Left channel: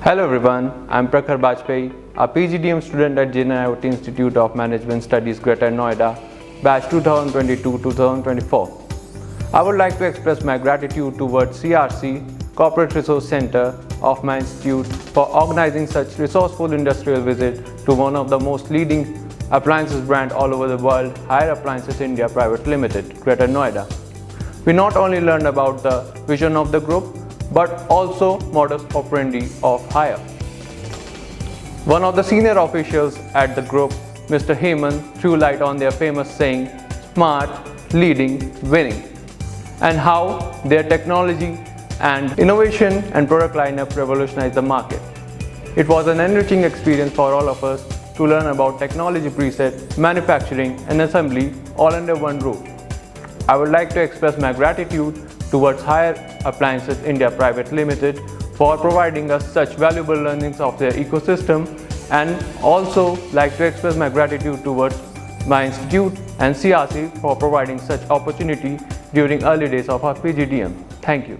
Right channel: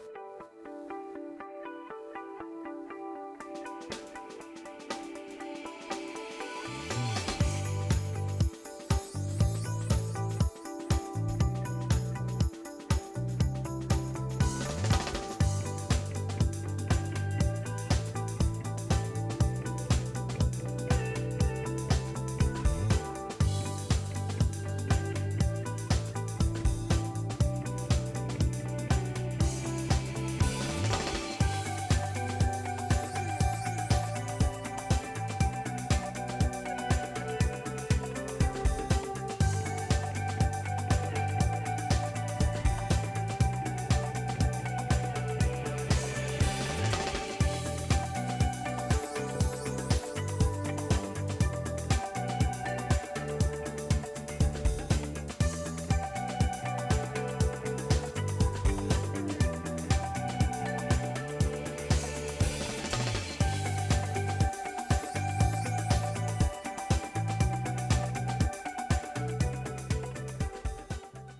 Hello everyone, I'm Prakhar Bajpayee, a PGDM student at GNIOT Institute of Management Studies, Greater Noida, batch 2022-2024. I would like to express my gratitude towards CRC, Corporate Resource Center of my institute for organizing such resourceful industrial visit to one of the most leading appliances brand all over the world, Haier Appliances India Private Limited, Greater Noida. We not only learned about the vision of the group, but also modus operandi of Haier. One of the senior officials at the group, Mr. Hemant, threw light on their famous saying, smart, leading, winning, and how their technology and innovation and product lineup revolutionized the market. It was an enriching experience for all of us to learn about technology preset, manufacturing and assembly all under one roof. I would like to express my gratitude towards Haier Appliances India Private Limited for providing us such valuable learnings of their ecosystem, and also like to express my gratitude towards my institute and CRC for providing such opportunity during early days of our PGDM. Thank you.